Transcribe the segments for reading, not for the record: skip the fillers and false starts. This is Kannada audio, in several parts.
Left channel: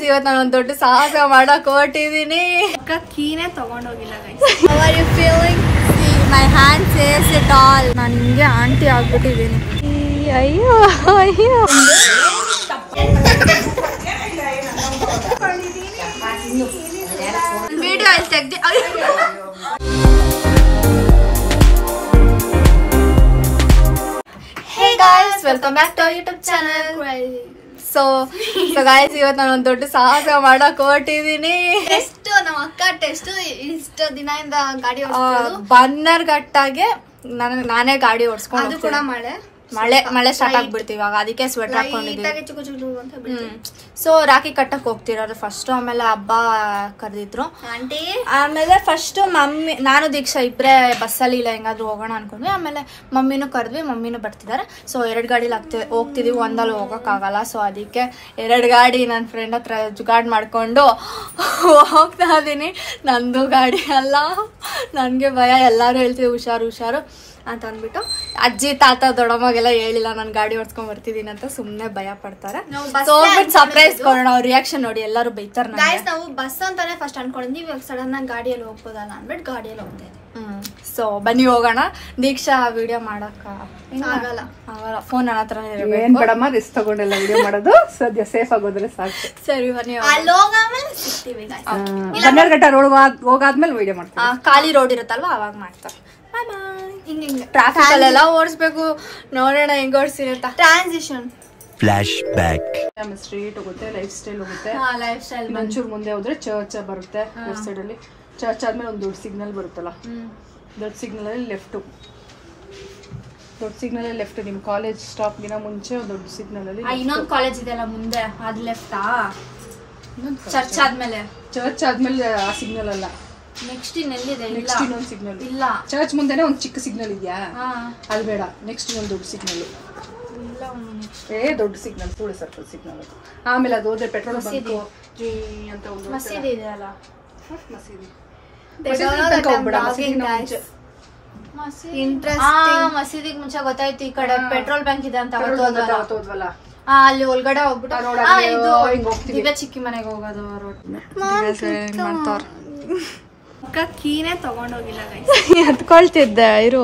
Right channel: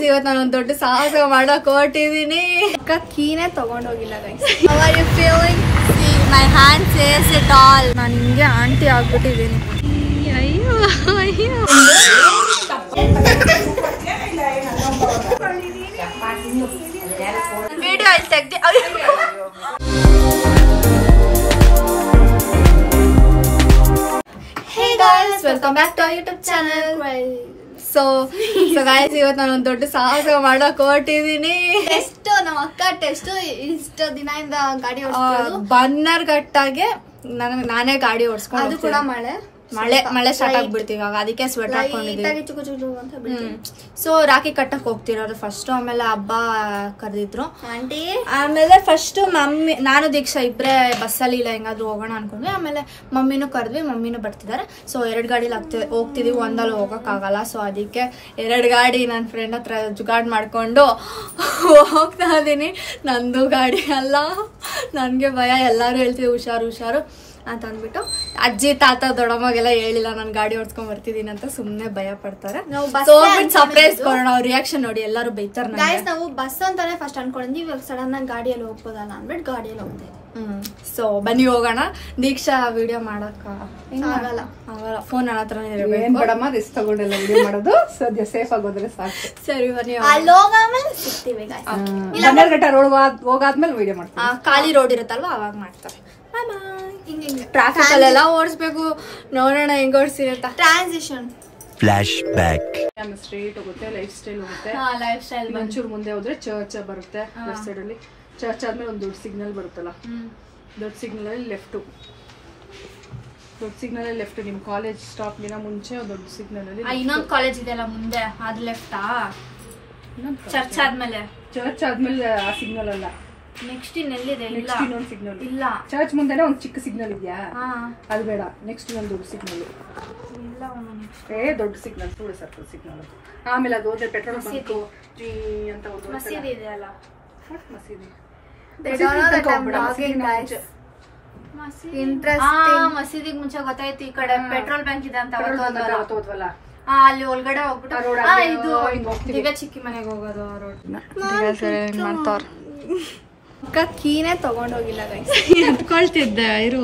ಇವತ್ತು ನಾನು ಒಂದು ದೊಡ್ಡ ಸಾಹಸ ಮಾಡಕ್ ಹೊರಟಿದೀನಿ. ಅಕ್ಕ ಕೀನೇ ತಗೊಂಡೋಗಿಲ್ಲ guys. How are you feeling? See, my hand says it all. ನಾನು ಹಿಂಗೆ ಆಂಟಿ ಆಗ್ಬಿಟ್ಟಿದೀನಿ. ಅಯ್ಯೋ ಅಯ್ಯೋ ವಿಡಿಯೋ ಅಲ್ಲಿ ತೆಗ್ದೆ. Hey guys, welcome back to our YouTube channel. So guys, ಇವತ್ತು ನಾನು ಒಂದು ದೊಡ್ಡ ಸಾಹಸ ಮಾಡಕ್ ಹೊರಟಿದೀನಿ. ಟೆಸ್ಟ್ ನಮ್ಮ ಅಕ್ಕ ಟೆಸ್ಟ್ ಇಷ್ಟು ದಿನದಿಂದ ಗಾಡಿ ಬನ್ನರ್ಘಟ್ಟಾಗೆ ನಾನೇ ಗಾಡಿ ಓಡಿಸ್ಕೊಂಡು ಅದು ಕೂಡ ಮಳೆ ಸ್ಟಾರ್ಟ್ ಆಗ್ಬಿಡ್ತೀವಿ ಇವಾಗ, ಅದಕ್ಕೆ ಸ್ವೆಟರ್ ಹಾಕೊಂಡಿದ್ದೀವಿ. ಸೊ ರಾಖಿ ಕಟ್ಟಕ್ ಹೋಗ್ತಿರೋರು ಫಸ್ಟ್, ಆಮೇಲೆ ಹಬ್ಬ ಕರೆದಿದ್ರು ಆಂಟಿ, ಆಮೇಲೆ ಫಸ್ಟ್ ಮಮ್ಮಿ ನಾನು ದೀಕ್ಷಾ ಇಬ್ರೆ ಬಸ್ಸಲ್ಲಿ ಇಲ್ಲ ಹೆಂಗಾದ್ರು ಹೋಗೋಣ ಅನ್ಕೊಂಡ್ವಿ. ಆಮೇಲೆ ಮಮ್ಮಿನೂ ಕರೆದ್ವಿ, ಮಮ್ಮಿನೂ ಬರ್ತಿದ್ದಾರೆ. ಸೊ 2 ಗಾಡಿಲಿ ಹೋಗ್ತಿದೀವಿ, ಒಂದಲ್ಲಿ ಹೋಗಕ್ಕಾಗಲ್ಲ. ಸೊ ಅದಕ್ಕೆ 2 ಗಾಡಿ ನನ್ನ ಫ್ರೆಂಡ್ ಹತ್ರ ಜುಗಾಡ್ ಮಾಡ್ಕೊಂಡು ಹೋಗ್ತಾ ಇದೀನಿ. ನಂದು ಗಾಡಿ ಅಲ್ಲ, ನನ್ಗೆ ಭಯ. ಎಲ್ಲಾರು ಹೇಳ್ತೀವಿ ಹುಷಾರು ಅಂತ ಅಂದ್ಬಿಟ್ಟು ಅಜ್ಜಿ ತಾತ ದೊಡ್ಡಮ್ಮಾಗೆಲ್ಲ ಹೇಳಿಲ್ಲ ನಾನು ಗಾಡಿ ಓಡಿಸ್ಕೊಂಡ್ ಬರ್ತಿದೀನಿ ಅಂತ, ಸುಮ್ನೆ ಭಯ ಪಡ್ತಾರೆ. ಸರ್ಪ್ರೈಸ್ ಕೊಡೋಣ, ಅವ್ರ ರಿಯಾಕ್ಷನ್ ನೋಡಿ ಎಲ್ಲರೂ ಬೈತಾರ. ನಾವು ಬಸ್ ಅಂತಾನೆ ಫಸ್ಟ್ ಅನ್ಕೊಂಡಿದ್ವಿ, ಇವಾಗ ಸಡನ್ ಆಗಿ ಗಾಡಿಯಲ್ಲಿ ಹೋಗ್ಬೋದಲ್ಲ ಅಂದ್ಬಿಟ್ಟು ಗಾಡಿಯಲ್ಲಿ ಹೋಗ್ತಾ ಇದ್ವಿ. ಸೊ ಬನ್ನಿ ಹೋಗೋಣ. ದೀಕ್ಷಾ ವಿಡಿಯೋ ಮಾಡಕ್ ಆಗಲ್ಲ, ಫೋನ್ ನನ್ನ ಹತ್ರನೇ ಇರಬೇಕು. ರಿಸ್ಕ್ ತಗೊಂಡೆಲ್ಲ ವಿಡಿಯೋ ಮಾಡೋದು ಸದ್ಯ ಸೇಫ್ ಆಗೋದ್ರೆ ಸಾಕು. ಸರಿ ಬನ್ನಿ. ಅಲ್ಲಿ ಹೋಗಾದ್ಮೇಲೆ ಸಿಗ್ತೀವಿ. ಬನ್ನರ್ಘಟ್ಟ ರೋಡ್ ಹೋಗಾದ್ಮೇಲೆ ವಿಡಿಯೋ ಮಾಡ್ತೀವಿ. ಖಾಲಿ ರೋಡ್ ಇರುತ್ತಲ್ವಾ ಅವಾಗ ಮಾಡ್ತಾರೆ. ಟ್ರಾಫಿಕ್ ಅಲ್ಲೆಲ್ಲ ಓಡಿಸ್ಬೇಕು, ನೋಡೋಣ ಹೆಂಗ್ ಓಡಿಸ್ತೀನಿ ಅಂತ. Transition flash back. ಸ್ಟ್ರೀಟ್ ಹೋಗುತ್ತೆ, ಲೈಫ್ ಸ್ಟೈಲ್ ಹೋಗುತ್ತೆ. ಲೈಫ್ ಸ್ಟೈಲ್ ಒಂಚೂರು ಮುಂದೆ ಹೋದ್ರೆ ಚರ್ಚ್ ಬರುತ್ತೆ. ಲೆಫ್ಟ್ ಸೈಡ್ ಅಲ್ಲಿ ಚರ್ಚ್ ಆದ್ಮೇಲೆ ಒಂದು ದೊಡ್ಡ ಸಿಗ್ನಲ್ ಬರುತ್ತಲ್ಲ, ದೊಡ್ಡ ಸಿಗ್ನಲ್ ಅಲ್ಲಿ ಲೆಫ್ಟ್. ದೊಡ್ಡ ಸಿಗ್ನಲ್ ಅಲ್ಲಿ ಲೆಫ್ಟ್. ನಿಮ್ ಕಾಲೇಜ್ ಸ್ಟಾಪ್ ದಿನ ಮುಂಚೆ ದೊಡ್ಡ ಸಿಗ್ನಲ್ ಅಲ್ಲಿ ಇನ್ನೊಂದು ಕಾಲೇಜ್ ಇದೆಯಲ್ಲ ಮುಂದೆ, ಅದು ಲೆಫ್ಟಾ? ಚರ್ಚ್ ಆದ್ಮೇಲೆ ಆ ಸಿಗ್ನಲ್ ಅಲ್ಲ, ನೆಕ್ಸ್ಟ್ ಇನ್ನೆಲ್ಲಿದೆ? ನೆಕ್ಸ್ಟ್ ಇನ್ನೊಂದು ಸಿಗ್ನಲ್ ಇಲ್ಲ, ಚರ್ಚ್ ಮುಂದೆನೆ ಒಂದು ಚಿಕ್ಕ ಸಿಗ್ನಲ್ ಇದೆಯಾ, ಅದು ಬೇಡ. ನೆಕ್ಸ್ಟ್ ಇನ್ನೊಂದು ದೊಡ್ಡ ಸಿಗ್ನಲ್. ದೊಡ್ಡ ಸಿಗ್ನಲ್ ಕೂಡೆ ಸರ್ಕಲ್ ಸಿಗ್ನಲ್ ಅದು. ಆಮೇಲೆ ಅದು ಹೋದ್ರೆ ಪೆಟ್ರೋಲ್ ಬಂಕ್ ಅಂತ ಒಂದು ಮಸೀದಿ ಇದೆಯಲ್ಲ, ಮಸೀದಿ. ಮಸೀದಿಗೆ ಮುಂಚೆ ಗೊತ್ತಾಯ್ತು ಈ ಕಡೆ ಪೆಟ್ರೋಲ್ ಬ್ಯಾಂಕ್ ಇದೆ ಅಂತ. ಹೋದ್ವಲ್ಲ ಅಲ್ಲಿ ಒಳಗಡೆ ಹೋಗ್ಬಿಟ್ಟು ದಿವ್ಯ ಚಿಕ್ಕಿ ಮನೆಗೆ ಹೋಗೋದು ರೋಡ್ ಮಾಡ್ತಾರ. ಅಕ್ಕ ಕೀನೇ ತಗೊಂಡೋಗಿಲ್ಲ ಗೈಸ್. ಎತ್ಕೊಳ್ತಿದ್ದೆ ಇರು,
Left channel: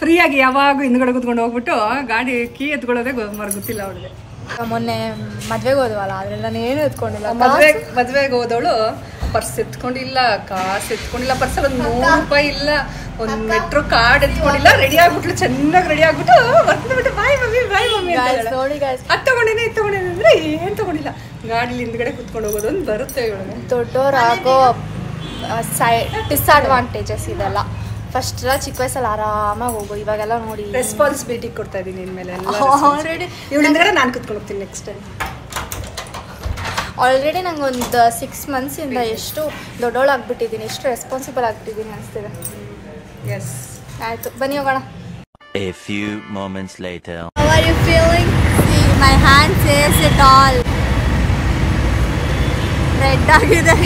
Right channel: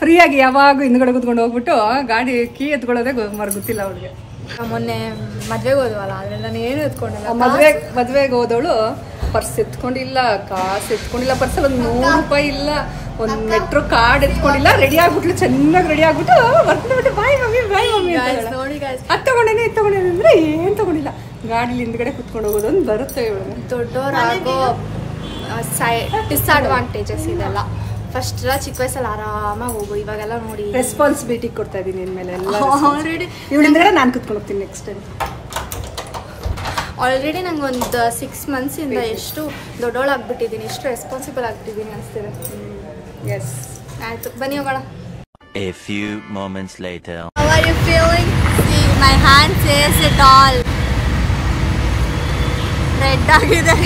ಫ್ರೀ ಆಗಿ ಯಾವಾಗ ಹಿಂದ್ಗಡೆ ಕುತ್ಕೊಂಡು ಹೋಗ್ಬಿಟ್ಟು ಗಾಡಿ ಕೀ ಎತ್ಕೊಳ್ಳೋದೇ ಗೊತ್ತಿಲ್ಲ ಅವ್ರಿಗೆ. ಮೊನ್ನೆ ಮದ್ವೆಗೆ ಹೋದ್ವಲ್ಲ, ಅದ್ರಲ್ಲಿ ನಾನು ಏನು ಎತ್ಕೊಂಡಿಲ್ಲ. ಮದ್ವೆಗೆ ಹೋದವಳು ಪರ್ಸ್ ಎತ್ಕೊಂಡಿಲ್ಲ, ಕಾಸು ಎತ್ಕೊಂಡಿಲ್ಲ, ಪರ್ಸಲ್ಲಿ ಒಂದು 100 ರೂಪಾಯಿ ಇಲ್ಲ, ಒಂದು ಮೆಟ್ರೋ ಕಾರ್ಡ್ ಎತ್ಕೊಂಡಿಲ್ಲ. ರೆಡಿ ಆಗ್ಬಿಟ್ಲು, ಚೆನ್ನಾಗಿ ರೆಡಿ ಆಗ್ಬಿಟ್ಟು ಬರ್ಕೊಂಡ್ಬಿಟ್ಟು ಬಾಯ್ ಮಮ್ಮಿ ನೋಡಿ ಗೈಸ್, ಅದು ತಗೊಂಡೇನೆ ಇದು ತಗೊಂಡೇನೆ ಅಂದ್ರೆ ಏನ್ ತಗೊಂಡಿಲ್ಲ. ಗಾಡಿ ಹಿಂದ್ಗಡೆ ಕುತ್ಕೊಂಡು ಹೋಗೋದು ಒಂದು ಬರುತ್ತೆ ಇವಳಿಗೆ. ದೊಡ್ಡವರಾಗೋ ಡಿಸ್ಅಡ್ವಾಂಟೇಜಸ್ ಇದೆಲ್ಲ. ಫಸ್ಟ್ ಚಿಕ್ಕ ವಯಸ್ಸಲ್ಲಿ ಆರಾಮಾಗಿ ಹೋಗು, ಇವಾಗೆಲ್ಲ ನೋಡಿ ರೆಸ್ಪಾನ್ಸಿಬಿಲಿಟಿ ಕೊಡ್ತಾ ಇದೀನಿ ಇನ್ಮೇಲೆ. ಆಲ್ರೆಡಿ ಇವಳಿಂದ ನಾನು ಕುತ್ಕೊಂಡು ಹೋಗ್ತೀನಿ ನೆಕ್ಸ್ಟ್ ಟೈಮ್. ಆಲ್ರೆಡಿ ನಂಗೆ ಒಂದು 6 months ಇಂದ ಎಷ್ಟು ದೊಡ್ಡವಳಾಗ್ಬಿಟ್ಟಿದ್ದೀನಿ, ಎಷ್ಟು ರೆಸ್ಪಾನ್ಸಿಬಲ್ ಆಗ್ಬಿಟ್ಟಿದ್ದೀನಿ ಅನಿಸ್ತಿದೆ. ಎಸ್, ಆಯ್ತು ಬನ್ನಿ ಹೋಗೋಣ. A few moments later. How are you feeling? See, my hand says it all. Red ಆಗಿದೆ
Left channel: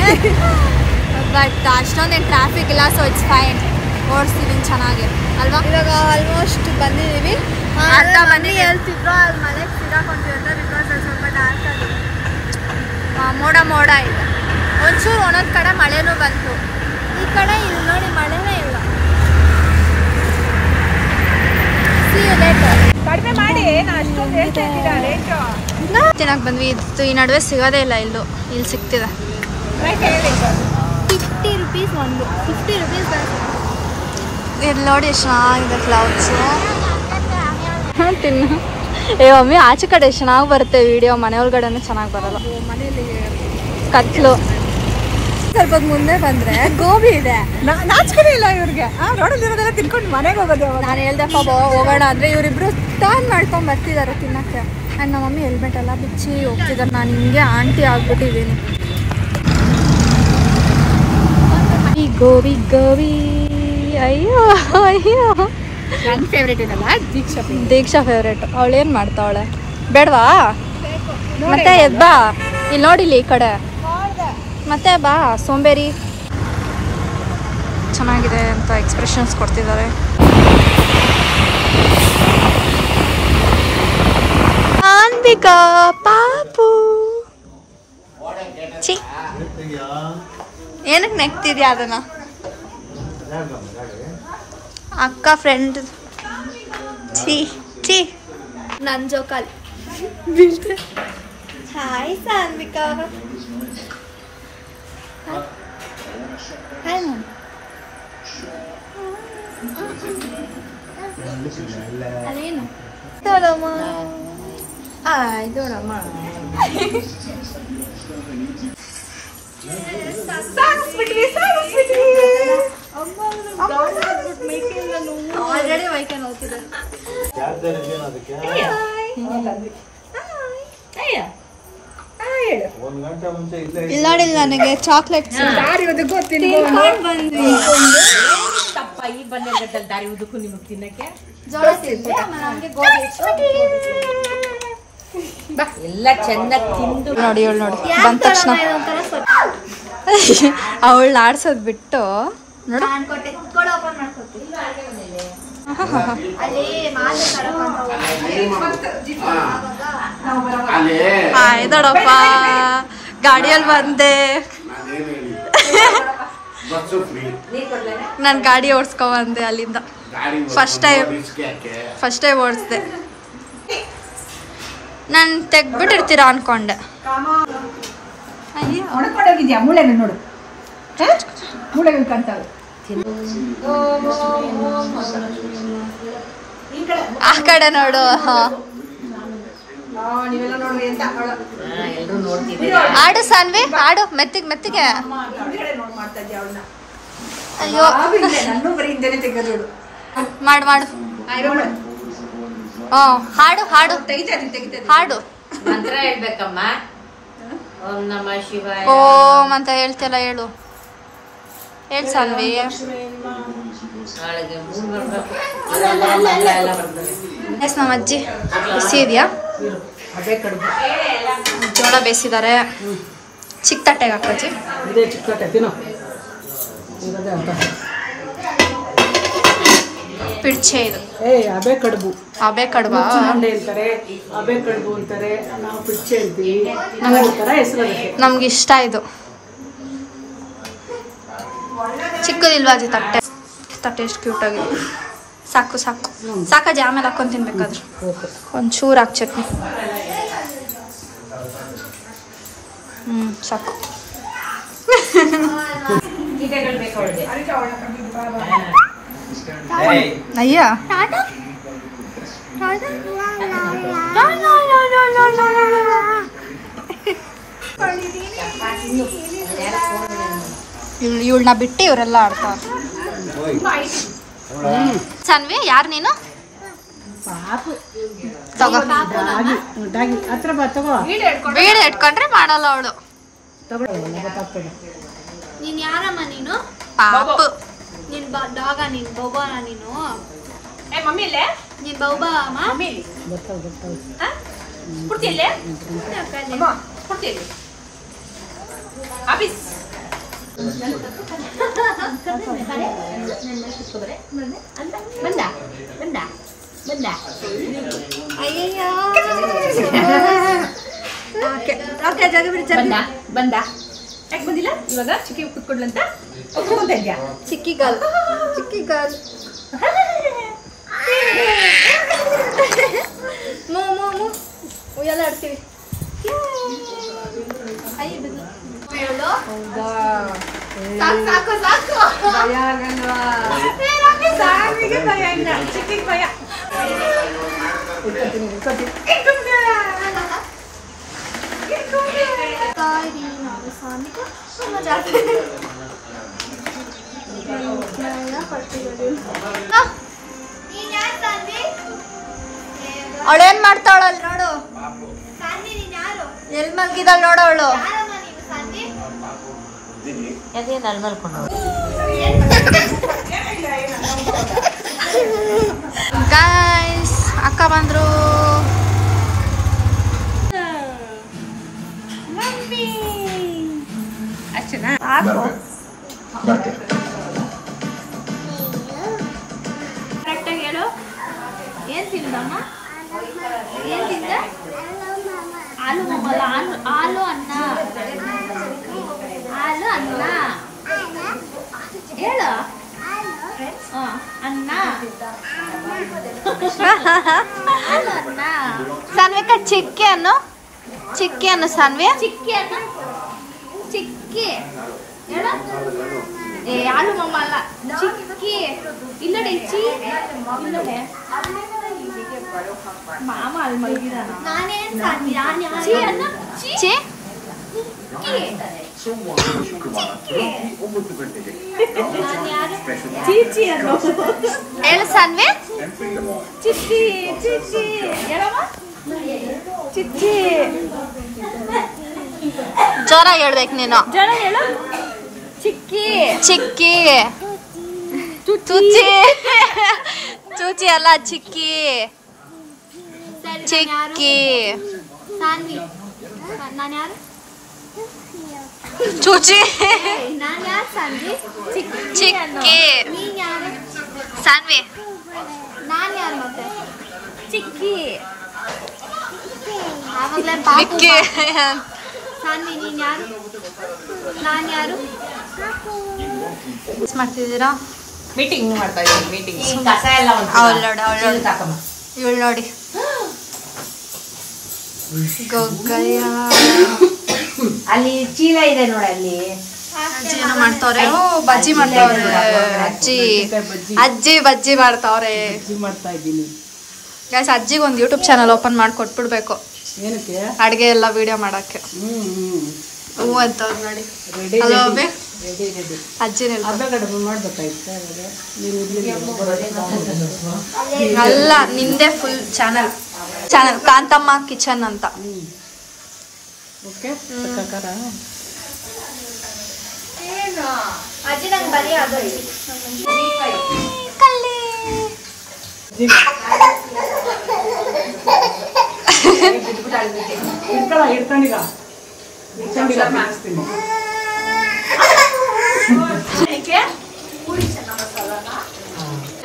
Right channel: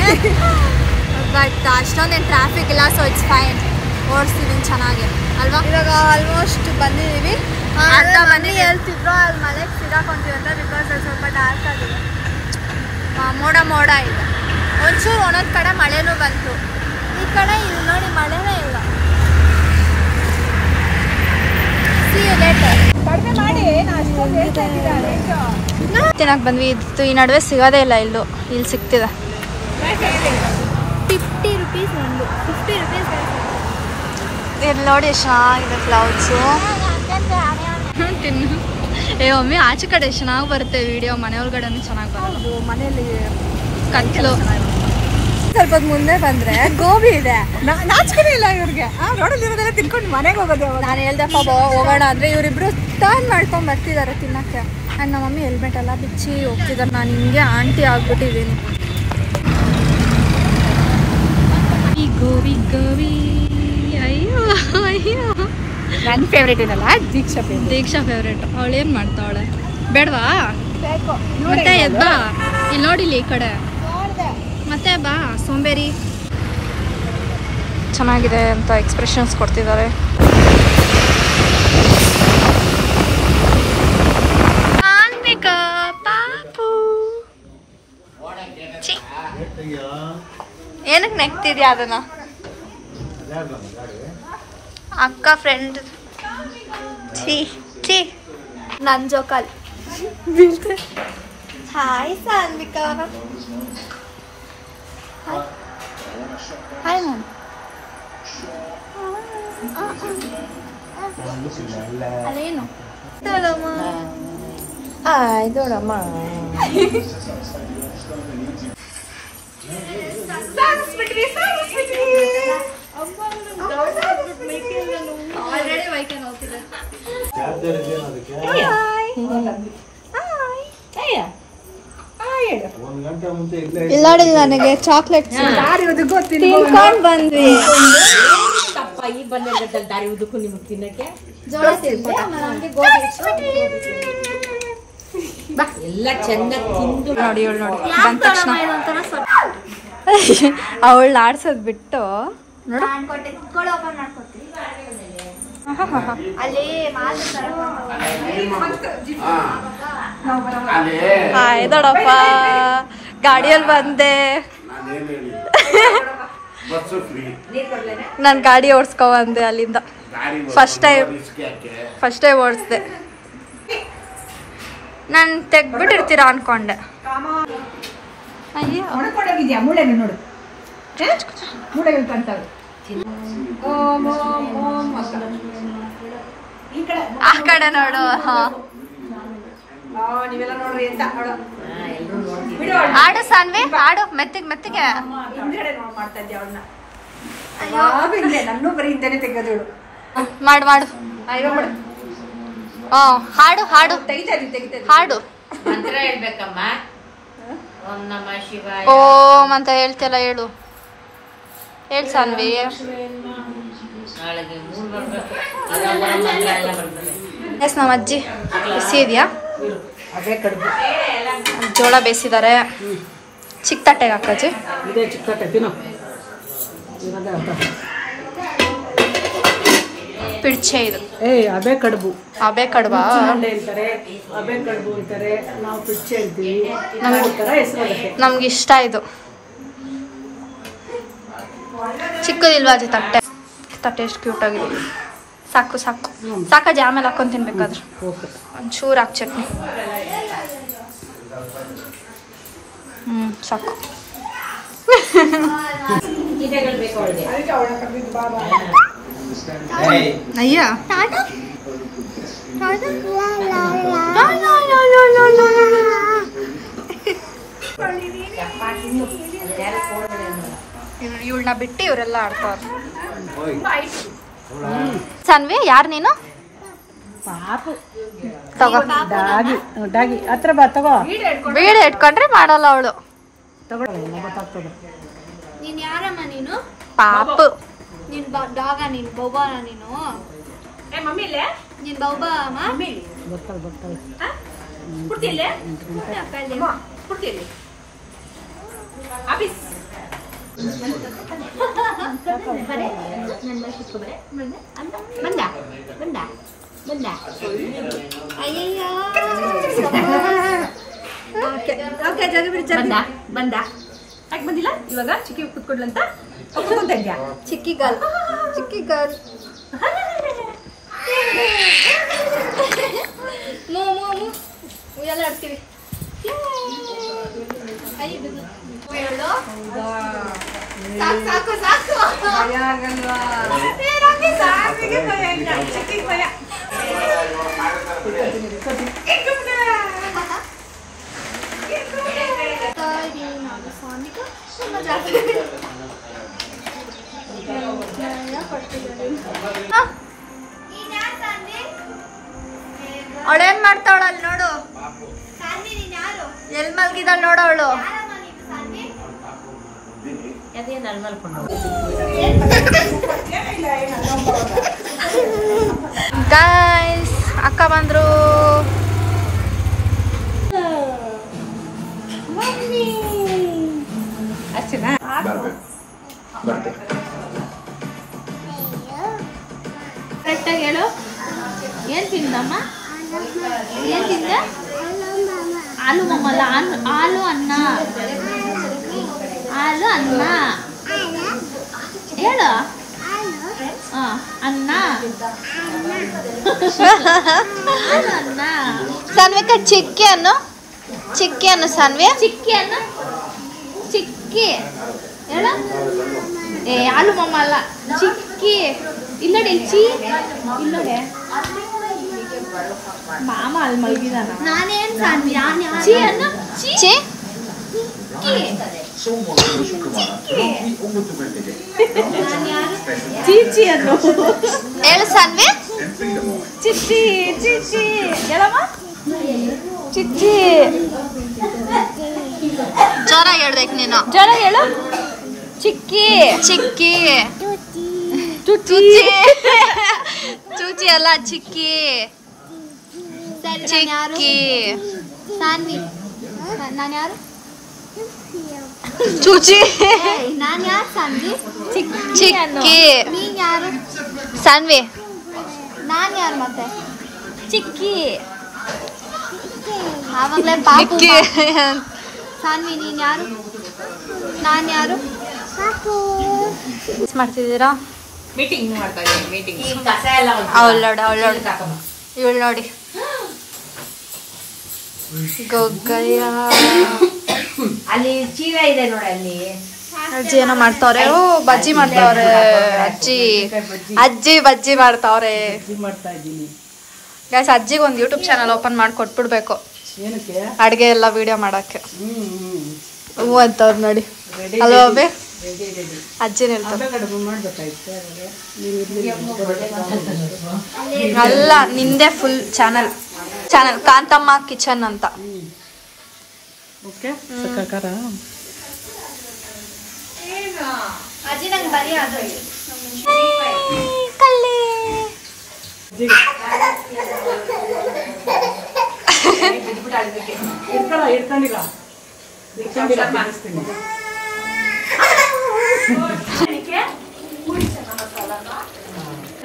ಬಟ್ ಅಷ್ಟೊಂದೇನು ಟ್ರಾಫಿಕ್ ಇಲ್ಲ, ಸೊ ಇಟ್ಸ್ ಫೈನ್. ಓಡಿಸ್ತಿದ್ದೀನಿ ಚೆನ್ನಾಗಿ ಅಲ್ವಾ. ಇವಾಗ ಆಲ್ಮೋಸ್ಟ್ ಬಂದಿದ್ದೀವಿ. ಅರ್ಧ ಮನೆ ಹೇಳ್ತಿದ್ರು ಅಲ್ಲಿ ಮಳೆಗೆ ಸಿಗಾಕೊಂತೀವಿ ಅಂತ, ಬಿಕಾಸ್ ಅದು ಸ್ವಲ್ಪ ಡಾರ್ಕ್ ಆಗಿದೆ, ಮೋಡ ಇದೆ. ಒಂಚೂರು ಒಂದೊಂದು ಕಡೆ ಮಳೆನೂ ಬಂತು. ಈ ಕಡೆ ಇಲ್ಲಿ ನೋಡಿ ಮಳೆನೇ ಇಲ್ಲ. ತಿನ್ನಕ್ ಬಂದ್ವಿ, ಇದು ಈ ನಡುವೆ ಸಿಗೋದೇ ಇಲ್ಲ. ಇಲ್ಲಿ ಸಿಗ್ತಿದೆ. 50 rupees ಒಂದು, 50 rupees ಇಲ್ಲಿ ನೋಡಿ ಎಷ್ಟು ಚೆನ್ನಾಗಿದೆ ಕ್ಲೌಡ್ಸು. ತಿನ್ನು. ಮಮ್ಮಿ ಆಚೆ ಕಡೆ ಎಷ್ಟು ಚೆನ್ನಾಗಿ ಬರುತ್ತೆ ವಿಡಿಯೋ, ಮನೆ ಒಳಗಡೆನೂ ಚೆನ್ನಾಗಿ ಬರೋದು. ಮನೆಯಲ್ಲಿ ಕತ್ಲು. ಸ್ವಲ್ಪ ಮುಂದೆ ಬಂದ್ರೆ ಗೋಬಿ ಇದೆ, ನಾಚಿಕೆ ಇಲ್ಲ ಇವ್ರಿಗೆ. ರೋಡಲ್ಲಿ ಇರೋದೆಲ್ಲ ತಿನ್ಕೊಂಡು ಮನೆಗೆ ಹೋಗೋದು. ನಾನು ಹೇಳ್ದಪ್ಪ ಹೋಗೋಣ ಅಂದ್ರೆ ಇವರಿಬ್ರು ಟರ್ನ್ ಮಾಡ್ಕೊಂಡ್ ಬರ್ತಿದ್ದಾರೆ ತಿನ್ನಕ್ಕೆ. ಆ್ಯಂಡ್ ನಮ್ಮ ಮಮ್ಮಿ ಹೆಲ್ಮೆಟ್ ಎಲ್ಲ ಬಿಚ್ಚಿ ಹೋಗ್ತಿದ್ದಾರೆ. ನಾನು ಹಿಂಗೆ ಆಂಟಿ ಆಗ್ಬಿಟ್ಟಿದ್ದೀನಿ. ಈ ಗೋಬಿ ಅಯ್ಯೋ ಅಯ್ಯೋ. ನನ್ನ ಫೇವ್ರೇಟ್ ಏನಲ್ಲ ದೀಕ್ಷಾ ಫೇವ್ರೇಟ್. ಅವಳು ಏನು ಮಾಡ್ತಾವಳೆ? ಬೇಡವಾ? ಮತ್ತೆ ಎದ್ಬಾ, ಇಲ್ಲಿ ನೋಡಿಲಿ ಈ ಕಡೆ, ಮತ್ತೆ ಬಾ ಸೋಂಬೇರಿ. ಚೆನ್ನಾಗಿದೆ ಅಂತ ಎಕ್ಸ್ಪ್ರೆಷನ್ಸ್ ಕೊಡ್ತಿದ್ದಾರೆ. ಪಾಪು ಚಿ ಏನಕ್ಕೆ ನೆಗ್ತಿದ್ಯಾ ಅದನ್ನ? ಅಕ್ಕ ಫ್ರೆಂಡ್. ಛೀ ಛೀ ನನ್ನ ಜೋಕಾಲಿ ಬೀಳ್ತೆ. ಹಾಯ್ ಸಾನ್ವಿಕಾ. Hi ma'am. ಅದೇನು ಆಲ್ರೆಡಿ ವೈಕೆ ನೋಡ್ತಿದೆ. ಇಲ್ಲಾಡಿಲ್ಲ ನನಗೆ ಚಾಕ್ಲೇಟ್ ತಿನ್ಕೊಂಡು ಬಂದ್ವಿ. ಜೋಳ ತಿಂದ್ವಿ, ಆಮೇಲೆ ಹಂಗೆ ಗೋಧಿ ಎಲ್ಲ ಚಂದ ತಿಂದು ನೋಡಿ ಇವಳು ನೋಡಿ ಬಂದ ತಕ್ಷಣ ಅವಳು ಆಡ್ಸೋದ್ ಬಿಟ್ಟು ನೋಡು ಅನ್ಕೊಟ್ಟೆ ಕೊಡು ಓಪನ್ ಮಾಡ್ಕೊತೀನಿ. ಅಲ್ಲಿ ಹಾಯ್ ದೊಡ್ಡಪ್ಪ ಗಾಡಿಯಲ್ಲಿ ಬಂದೆ. ನಾನು ಗಾಡಿ ಓಡಿಸ್ಕೊ ಬಂದೆ ಅಲ್ಲಿಂದ. ಫಸ್ಟ್ ಟೈಮ್ ಓಡಿಸ್ದೆ. ನಾನು ತೆಗ್ಬಿಟ್ಟಿರ್ತೀರಾ ಅನ್ಕೊಂಡೆ. ಅಯ್ಯೋ ಮುಳೆಗಳು ನೋಡು, ಮುಳೆಗಳು ಕಾಣ್ತಾವೆ. ಆ ಕಡೆ ನೋಡು. ಆಡು ಸಾನ್ವಿ, ಆಡು ಮೆತ್ತಿಗೆ ಮೆತ್ತಿಗೆ. ಅಯ್ಯೋ ಮಾಡು ಮಾಡು. ಹಾಡು ಹಾಡು ಹಾಡು. ಮಂತ್ರ ಹೇಳ್ಬೇಕಮ್ಮ. ಓಂ ನಮಃ ಶಿವಾಯ. ಓಂ ಅಂತ ಹೇಳ್ತಿಲ್ಲ, ಹೇಳು ಹೇಳು ಸಾನ್ವಿ. ಎಸ್ ನಮ್ಮ ಅಜ್ಜಿ ಬಿಸಿ ಇದೆಯಾ? ಜೋಳ ಬೇಯಿಸಿದ್ದಾರೆ. ಚಿಕ್ಕ ತಟ್ಟೆಗೆ ಹಾಕಜ್ಜಿ. ಪಿಡ್ಚೆ ಇದು. ಅಬೆ ಕಡುಬು. ಅಬೆ ಕಡುಬಾ? ಅಂತಾರೆ, ಅಬೆ ಕಡುಬು ಅಂತಾರೆ, ನಾವು ಪಿಡ್ಚೆ ಹೇಳ್ತೀವಿ. ನಮ್ಗೆ ಇಷ್ಟ ಇದು. ಚಿಕ್ಕದಿಲ್ವಾ ಅಜ್ಜಿ ತಟ್ಟೆ? ತಟ್ಟೆ ಎಷ್ಟು ಕ್ಯೂಟ್ ಆಗಿದೆ. ಸಾಕು ಸಾಕು ಸಾಕಜ್ಜಿ, ಆಮೇಲೆ ಹಾಕೊಂಡು ತಿನ್ಬೇಕಾದ್ರೆ. ಒಂಚೂರು ಹಾಕಿ ಚಟ್ನಿ. ಸಾಕು. ಅಯ್ಯ ಇವಳನ್ನ ಬಿಟ್ಟು ಇವರೆಲ್ಲ ಆಡ್ತಾವ್ರ. ಸಾನ್ವಿ ಯಾರು ನೀನು? ತಗೋ ಹತ್ರ ಬಾ, ತಗೋ. ಬೀಡ ಇಟ್ಕೊಂಡ್ರೆ ಮಾಡಲ್ಲ ಅವಳು. ನೀನ್ ಯಾರಮ್ಮ ನೀನು? ಪಾಪು. ನೀನ್ ಡಾಗ, ನೀನ್ ಬೌಬಾನ ನೀನು? ನೀನ್ ಬೌಬಾ ಅಮ್ಮ? ಅಯ್ಯಯ್ಯೋ ಬಂದ ಯಾಕೆ ಬಂದಿಲ್ಲ ಇವಾಗ? ಚಿಕ್ಕಿ ಕುತ್ಕೊಡ್ಲಂತ ಚಿಕ್ಕಿ ಗರ್ಲ್, ಚಿಕ್ಕಿ ಗರ್ಲ್. ಮೂ ಮೂ ಮೂ ಉಯ್ಯಾಲೆ ಆಡ್ತೀವಿ. ಸಾಕು ಸಾಕು ಅವಳೇನ್ ಮಾಡ್ತಾವಳಲ್ಲಿ ನೋಡು. ಎಲ್ ಮಲ್ಗಿದಾಳ ನೋಡು ಅವಳು. ಗೈಸ್ ಅಕ್ಕ ಬಂದ್ರು. ಕರೆಕ್ಟಾಗಿ ಹೇಳು. ಏನ್ ತಿಂದಮ್ಮ? ಏನ್ ತಿಂದ? ಹಾಲು ಮಮ್ಮ ಅಲ್ಲ, ಹಾಲು ಅನ್ನ. ಅನ್ನ ಹೇಳು ಅನ್ನ ಅನ್ನ ಸಾನ್ವಿಕ ಚಿಕ್ಕಿ ಅನ್ನು ಸಾನ್ವಿ ಚಿಕ್ಕಿ ಅನ್ನ ಚಿಕ್ಕಿ ಹೇಳ ಏ ಯಾರು ಮಮ್ಮ ಅಲ್ಲ ಚಿಕ್ಕಿ ಇನ್ನೋಡಿ ಚಿ ಇನ್ನೋಡೆ ಮಾಮ ಅಲ್ಲಿ ಮೈದಿದಾನ ನಾನೇನ್ ಚಿ ಅನ್ನ ಚಿ ಚೀಚಿ ಅನ್ನು ಹೇಳು ಸಾನ್ವಿ ಚಿಚ್ಚಿ ಚಿಚ್ಚಿ ಹೇಳಮ್ಮ ಚಿಚ್ಚಿ ಜೋರ ಹೇಳ್ಬೇಕು ನೀನು ಜನ ಹೇಳು ಚಿಕ್ಕಿ ಚಿಕ್ಕಿ ಚುಚ್ಚಿ ಚೂಚಿ ಅಲ್ಲ ಚಿಕ್ಕಿ ಚಿಕ್ಕಿ ಸಾನ್ವಿ ನಾನು ಯಾರು ಚೂಚಿ ನಾನು ಯಾರು ಸಾನ್ವಿ ಚಿಕ್ಕಿ ನೀನ್ ಯಾರು ಸಾನ್ವಿ ನಾನು ಯಾರು ಮತ್ತೆ ಚಿಕ್ಕಿ ಆವಾಗಲೇ ಮಿಕ್ಕಿ ಸಾನ್ವಿ ನೀನ್ ಯಾರು ನಾನು ಯಾರು ಮಾಡ್ತಿದ್ದೀರಾ ಮೀಟಿಂಗ್ ಮಾಡ್ತಾ ಇದ್ದೀನಿ ಮೀಟಿಂಗ್ ಅವಳು ನೋಡಿ ಇವಳು ನೋಡಿ ಗೊಗ್ಗಯ್ಯ ಅಲ್ಲಿ ಚೀಲ ಇದೆ ನೋಡಿ ಅಲ್ಲಿ ಅಜ್ಜಿ ಏನೋ ಮಾಡ್ತಾವ್ರೆ ಓ ಬಜ್ಜಿ ಮಾಡ್ತಾವ್ರೆ ಅಜ್ಜಿ ಬಜ್ಜಿ ಮಾಡ್ತಾವ್ರೆ ಮಾಡ್ತಾ ಇದ್ದೀನಿ. ಗೈಸ್ ಅಜ್ಜಿಗೆ ಒಂದು ಯೂಟ್ಯೂಬ್ ಚಾನಲ್ ಓಪನ್ ಮಾಡಿ ಕೊಟ್ಬಿಡ್ಬೇಕು ಏನಕ್ಕೆ? ಅಡ್ಗೆ ಎಲ್ಲ ವಿಡಿಯೋ ಮಾಡಕ್ಕೆ ಹ್ಞೂ ಅಂತವ್ರು ನೋಡಿ ಅಲ್ವಾ ಅಬ್ಬಿ ಅಜ್ಜಿನ ಅಲ್ಲ ನಿಂದೆ ಫುಲ್ ಚಾನಲ್ ಕಾಂತಮ್ಮ ಕಿಚನ್ ಅಂತ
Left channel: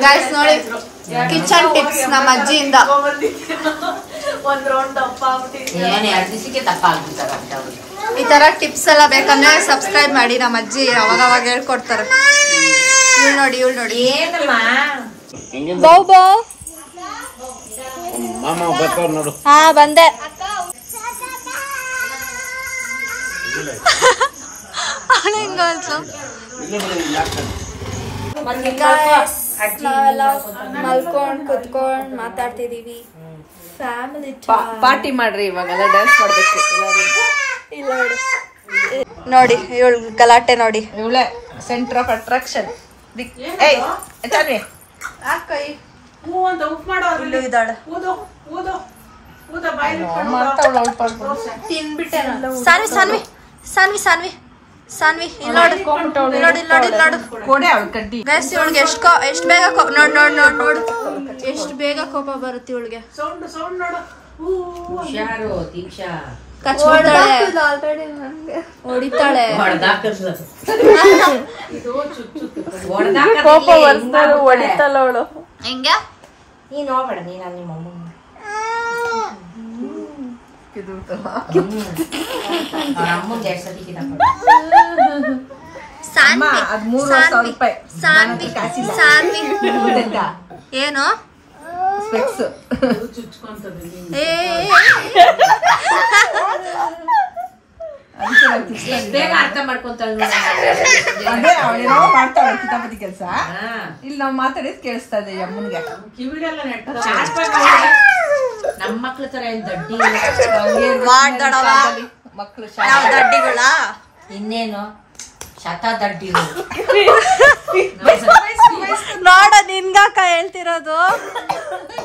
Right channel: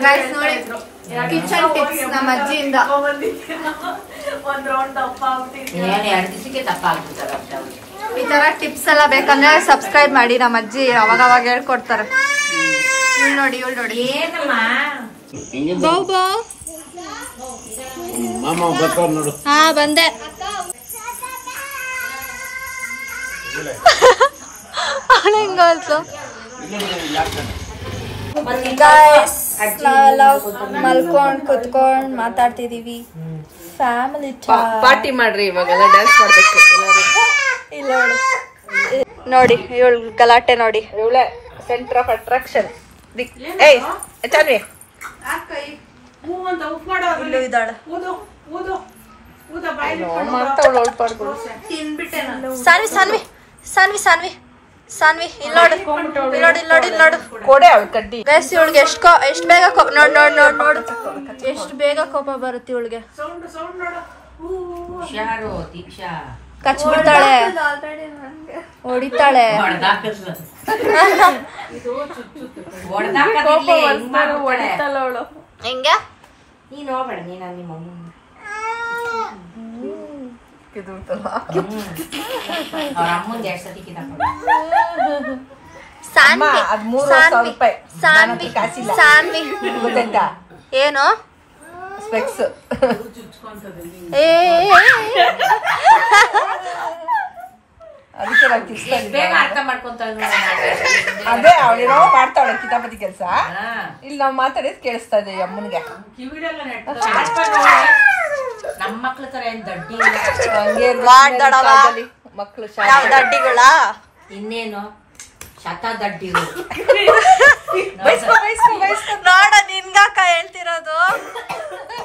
ಗೈಸ್ ನೋಡಿ ಕಿಚನ್ ಟಿಪ್ಸ್ ನಮ್ಮ ಅಜ್ಜಿಯಿಂದ ಈ ತರ ಟಿಪ್ಸ್ ಎಲ್ಲ ಬೇಕಂದ್ರೆ ಸಬ್ಸ್ಕ್ರೈಬ್ ಮಾಡಿ ನಮ್ಮ ಅಜ್ಜಿ ಅವಾಗ ಹೇಳ್ಕೊಡ್ತಾರೆ ಇವಳು ನೋಡಿ ಬಾವು ಹಾ ಬಂದೆ ಹೆಂಗಾಯ್ತು ನಾವೆಲ್ಲ ಮಲ್ಕೊಂಡ್ ಕುತ್ಕೊಂಡ್ ಮಾತಾಡ್ತಿದೀವಿ ಫ್ಯಾಮಿಲಿ ಪಾರ್ಟಿ ಮಾಡ್ರಿ ಇವಾಗೆಲ್ಲ ಡ್ಯಾನ್ಸ್ ಮಾಡ್ಬೇಕು ಇಲ್ಲ ನೋಡಿ ಇವಳು ಗಲಾಟೆ ನೋಡಿ ಇವಳೆ ಸೆಂಟರ್ ಆಫ್ ಅಟ್ರಾಕ್ಷನ್ ಇಲ್ಲೂ ಇದ್ದಾಳೆ ಸಾನ್ವಿ ಸಾನ್ವಿ ಸಾನ್ವಿ ಸಾನ್ವಿ ಸಾನ್ವಿ ಇಲ್ಲಿ ನೋಡು ಗೈಸ್ ಇವಳಿಗೆ ಎಷ್ಟು ಬೇಗ ನೋಡು ಎಷ್ಟು ಬೇಗ ಕೋಪ ಬರುತ್ತೆ ಇವಳಿಗೆ ಕಚ್ ಮಾಡ್ತಾಳೆ ಹೊಡಿತಾಳೆ ಹೆಂಗೆ ನೀನ್ ಹೋಗ್ಬೇಡ ನೀನ ನಿಮ್ಮ ಅಮ್ಮಂಗೆ ಎಷ್ಟು ಸತಿ ಸಾನ್ವಿ ಸಾನ್ವಿ ಸಾನ್ವಿ ಸಾನ್ವಿ ಏನು ಬೇಗ ಅರ್ಥ ಮಾಡ್ಕೊಂತಾಳೆ ಮಾಡ್ತಾಳೆ ಕಿತಾಪತಿ ಕೆಲಸ. ಇಲ್ಲಿ ನಾವು ಮಾತಾಡಿದ್ ಕೇಳಿಸ್ತಾ ಇದೆ ಅಮ್ಮನ್ಗೆ. ನಮ್ಮ ಮಕ್ಳ ತರ ಏನ್ ದಡ್ಡಿ ಮಕ್ಳು ನಾವು ದಡ್ಡಿಗಳ ಇನ್ನೇನು ಶತ ದಡ್ಡಿ ನೋಡ ನಿನ್ಗಾಕ ಹೇಳ್ತಿರೋದು.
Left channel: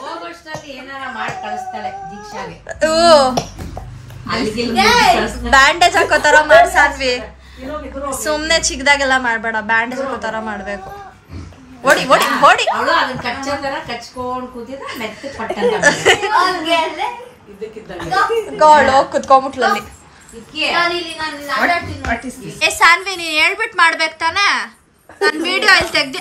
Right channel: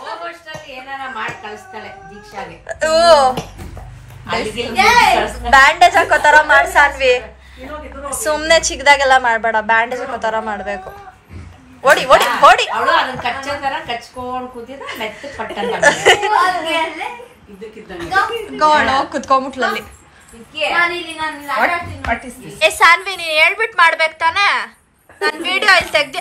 ಹೋಗೋಷ್ಟರಲ್ಲಿ ಏನಾರ ಮಾಡಿ ಕಳಿಸ್ತಾಳೆ ದೀಕ್ಷಾಗೆ. ಬ್ಯಾಂಡೇಜ್ ಹಾಕೋತರ ಮಾಡ್ ಸಾನ್ವಿ, ಸುಮ್ನೆ ಚಿಕ್ಕದಾಗೆಲ್ಲ ಮಾಡ್ಬೇಡ, ಬ್ಯಾಂಡೇಜ್ ಹಾಕೋತರ ಮಾಡ್ಬೇಕು. ಓಡಿ ಓಡಿ ಓಡಿ ಅವಳು ಅದನ್ನ ಕಚ್ಚ ತರ ಕಚ್ಕೊಂಡ್ ಕೂತಿದ ಮೆತ್ತ ಪಟ್ಟಂತ ಕುತ್ಕೊಂಬಿಟ್ಲಲ್ಲಿ. ಏ ಸಾನ್ವಿ ನೀನ್ ಹೇಳ್ಬಿಟ್ ಮಾಡ್ಬೇಕ್ ತಾನೆ, ನಾನ್ ವಿಡಿಯೋ ಇಲ್ಲಿ ತೆಗ್ದಿ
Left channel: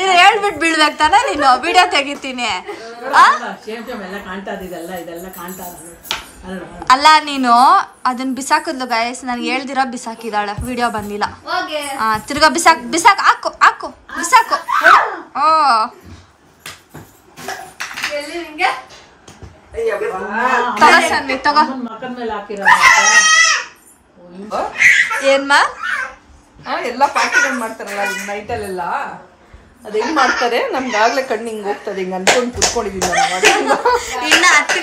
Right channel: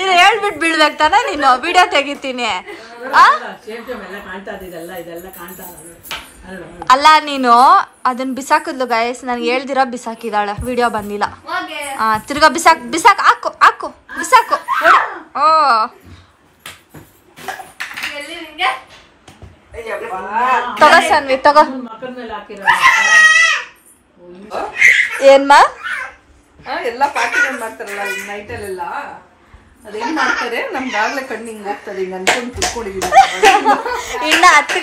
ಇದು ಹೇಳ್ಬಿಟ್ ಬೀಳ್ಬೇಕ್ ತಾನೆ, ನೀನು ವಿಡಿಯೋ ತೆಗಿತೀನಿ. ಅಲ್ಲ ನೀನು ಅದನ್ನ ಬಿಸಾಕಿದ್ಲು ಗೈಸ್, ನನ್ಗೆ ಹೇಳ್ದಿರ ಬಿಸಾಕಿದಾಳೆ, ವಿಡಿಯೋ ಬಂದಿಲ್ಲ. ತಿರ್ಗಾ ಬಿಸಾಕ್ ಹಾಕು ಬಿಸಾಕು. ಓ ತಗೋ ಸನ್ವಿ ತಗೋ. ಏನ್ಮಾ ಎಲ್ಲ ಪಾರ್ಟಿಗಳು ಮಾಡ್ತಾರಲ್ಲ ನೈಟಲ್ಲೆಲ್ಲ, ಅದು ಹೆಂಗ್ ಮಾಡ್ತಾರೆ ನಮ್ಗಾಗ್ಲೇ ಕಣ್ಣು ಹಿಂಗ್ ಹೋಗ್ತದೆ, ಹಿಂಗ್ ಅನ್ಕೊಂಡ್ ಕುತ್ಕೊಂಡಿದ್ದೀನಿ. ಇನ್ನ 10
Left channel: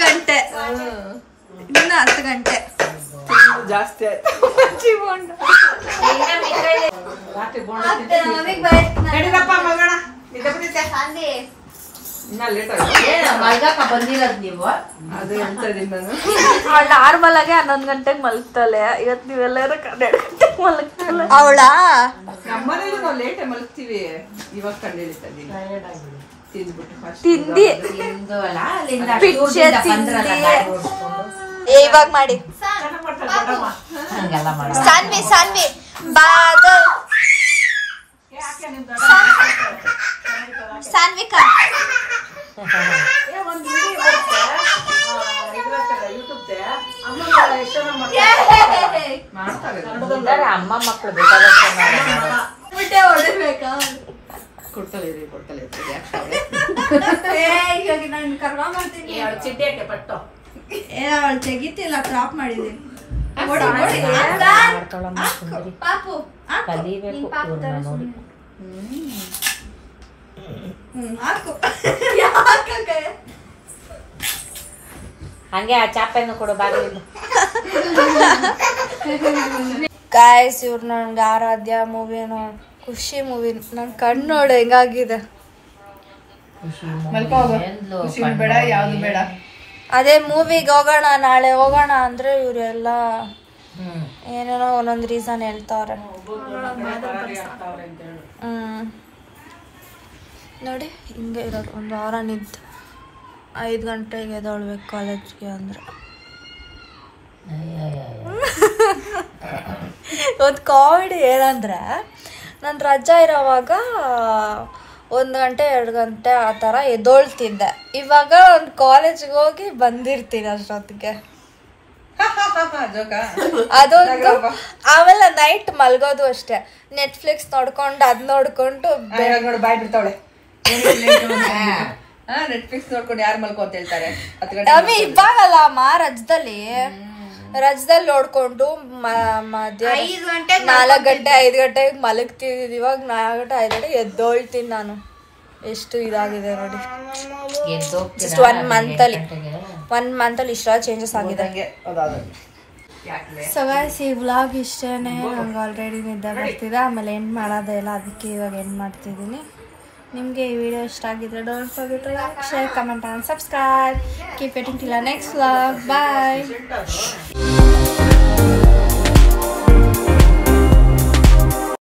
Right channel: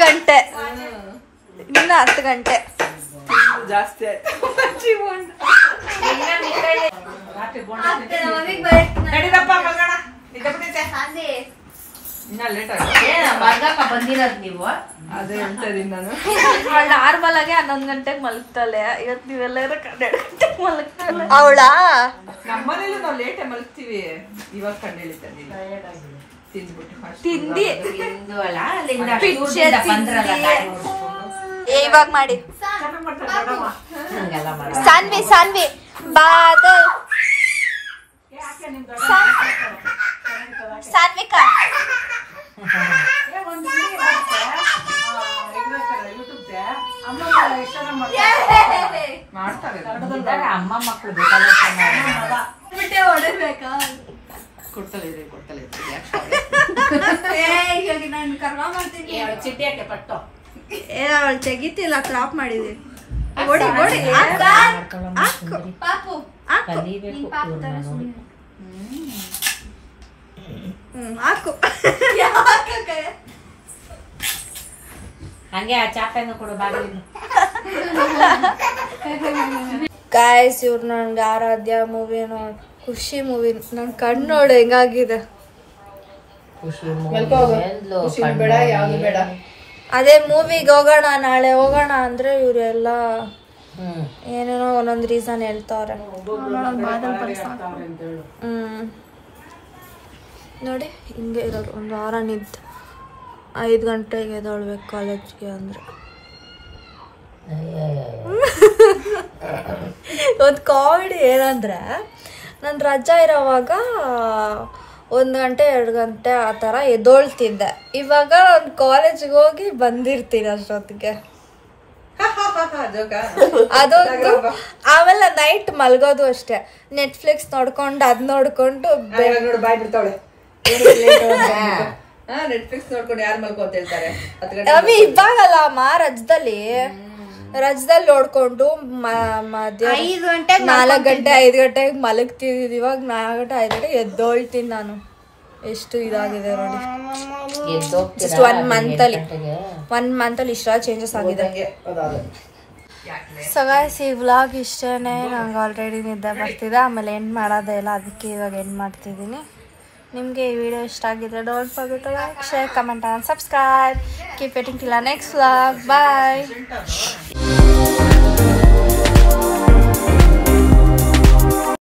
ಗಂಟೆ ಜಾಸ್ತಿ ಆಯ್ತು. ಅದೇ ಹೇಳ್ತಾ ಇದೀನಿ ನಾನು. ನಾರ್ಮಲ್ ಆಗಿ 11 ಗಂಟೆಗೆ ಮಲಗ್ತಾಳೆ. ಇವತ್ತು ನೀವೆಲ್ಲರೂ 12 ಗಂಟೆಗೆ ಮಲಗ್ತಾಳೆ. ಅವಳಾ ನಮ್ಮನೇಲಿ ನಾವು ಲೇಟ್ ಮಲಗ್ತೀವಿ. ಇವಾಗ ಕಣ್ಣು ಹೇಳ್ತೀನಿ ತಿಂದಿ ಇವಾಗ ಮಾಡಿ. ಸಾನ್ವಿ ಬಾದಲ್ ಸಾನ್ವಿಕಾ ಅಮ್ಮ ಮಕ್ಕಳು ಕೊಡ್ತಲೇ ನಾನು ಕರ್ಮ ಮಾಡ್ತೀನಿ. ಚಿಟ್ಟಿ ಯಾಕೆ ಪಟ್ಟು ಅವಳು ತೆಗಿತಿಲ್ಲ, ಕ್ರಾಪ್ ಮಾಡಿದೀನಿ. ಕಲಿಬೇಕು ನೋಡಿ. ಹಂಗೆ ಆ ಚಾಪೆಯನ್ನು ಕೊಡು ಬಾಗಿಲಿಂದ. ಗಾಯ್ಸ್ ಇವ್ರು ನನ್ಗೆ ಆರಾಧ್ಯ ಮೂವಿ ನೋಡಿ, ಖುಷಿ ಮೂವಿ ನನ್ ಕಣ್ಣು ನೋಡಿ ಹೆಂಗಾಗಿದೆ. ಬೇಡ ಯಾವ್ದು ಬೇಡ. ಅದೇ ಮೂವಿಗೆ ಹೋಗೋಣ ನಾಳೆ ಹೋಗೋಣ ಅಂದ್ರೆ ಇವರೆಲ್ಲ ಏನೇನೋ ಒಂದೊಂದು ರೀಸನ್ ಹೇಳ್ತಾವ್ರೆ. ನೋಡಿ ಹಿಂಗೆ ಇರೋದು. ಒಂದು ವಾರ ನಿಂತು 5 ಗಂಟೆಗೆ ಎದ್ದೇಳ್ಬೇಕು ಕಾಲೇಜ್ಗೆ ಅಂದ್ರೆ. ಒಂದು ಕಾಮಿಡಿ ಏನಂದ್ರೆ, ನಾನು ರಜಾ ಇರೋವಾಗ 1 ಗಂಟೆ 2 ಗಂಟೆ ಆ ಥರ ಎದ್ದೋಳ್ತಿದ್ದೆ. ಇವಾಗ ಒಂದು ಕಾಲೇಜ್ಗೆ ಹೋಗಿ ಬಂದಿರ್ತೀನಿ ಅಷ್ಟೊತ್ತಿಗೆ. ಅದೊಂದು. ಆಮೇಲೆ ನೈಟ್ ಮಲ್ಗೋದು ಅಷ್ಟೇ, ನೆಟ್ಫ್ಲಿಕ್ಸ್ ನೋಡ್ಕೊಂಡು ಅದ್ ನೋಡ್ಕೊಂಡು ಬಾಯ್ ಬಿಡ್ತಾವಳೆ. ನೆಟ್ಫ್ಲಿಕ್ಸ್ ನೋಡ್ಕೊಂಡು ಯಾರು ಮಲ್ಕೊ ಅಂತ ಹೇಳ್ತಾರೆ. ಇವಾಗಲ್ಲ ರಜದಲ್ಲಿ ನೋಡ್ಕೊಂಡು ಮಧ್ಯಾಹ್ನ 4 ಗಂಟೆ 5 ಗಂಟೆಗೆ ಮಲಗ್ತಿದ್ದಿದ್ದು. ಇವಾಗ 4 ಗಂಟೆ 5 ಗಂಟೆ ಎದ್ದೋಳ್ತೀನಿ ನಾನು. ಎಷ್ಟು ಇದಾಗಿದೆ ನೋಡಿ. ಜಸ್ಟ್ 1 ಮಂತಲ್ಲಿ ಇಷ್ಟ ಚೇಂಜಸ್ ಆಗಿದೆ. ಸೊ ಗೈಸ್ ಈ ವ್ಲಾಗ್ ಇಷ್ಟೇನೆ. ನಂಗೆ ಆಲ್ರೆಡಿ ನಿದ್ದೆ ಬರ್ತಿದೆ, ಆಮೇಲೆ ಎಂಡ್ ಮಾಡೋದೇ ಇಲ್ಲ, ಅದಕ್ಕೆ ಇವಾಗ ಎಂಡ್ ಮಾಡ್ತಿದ್ದೀನಿ. ನಿಮಗೆ ಈ ವಿಡಿಯೋ ಇಷ್ಟ ಆಗಿದ್ರೆ don't forget to like, share, comment and subscribe. Keep waiting till next vlog. Bye.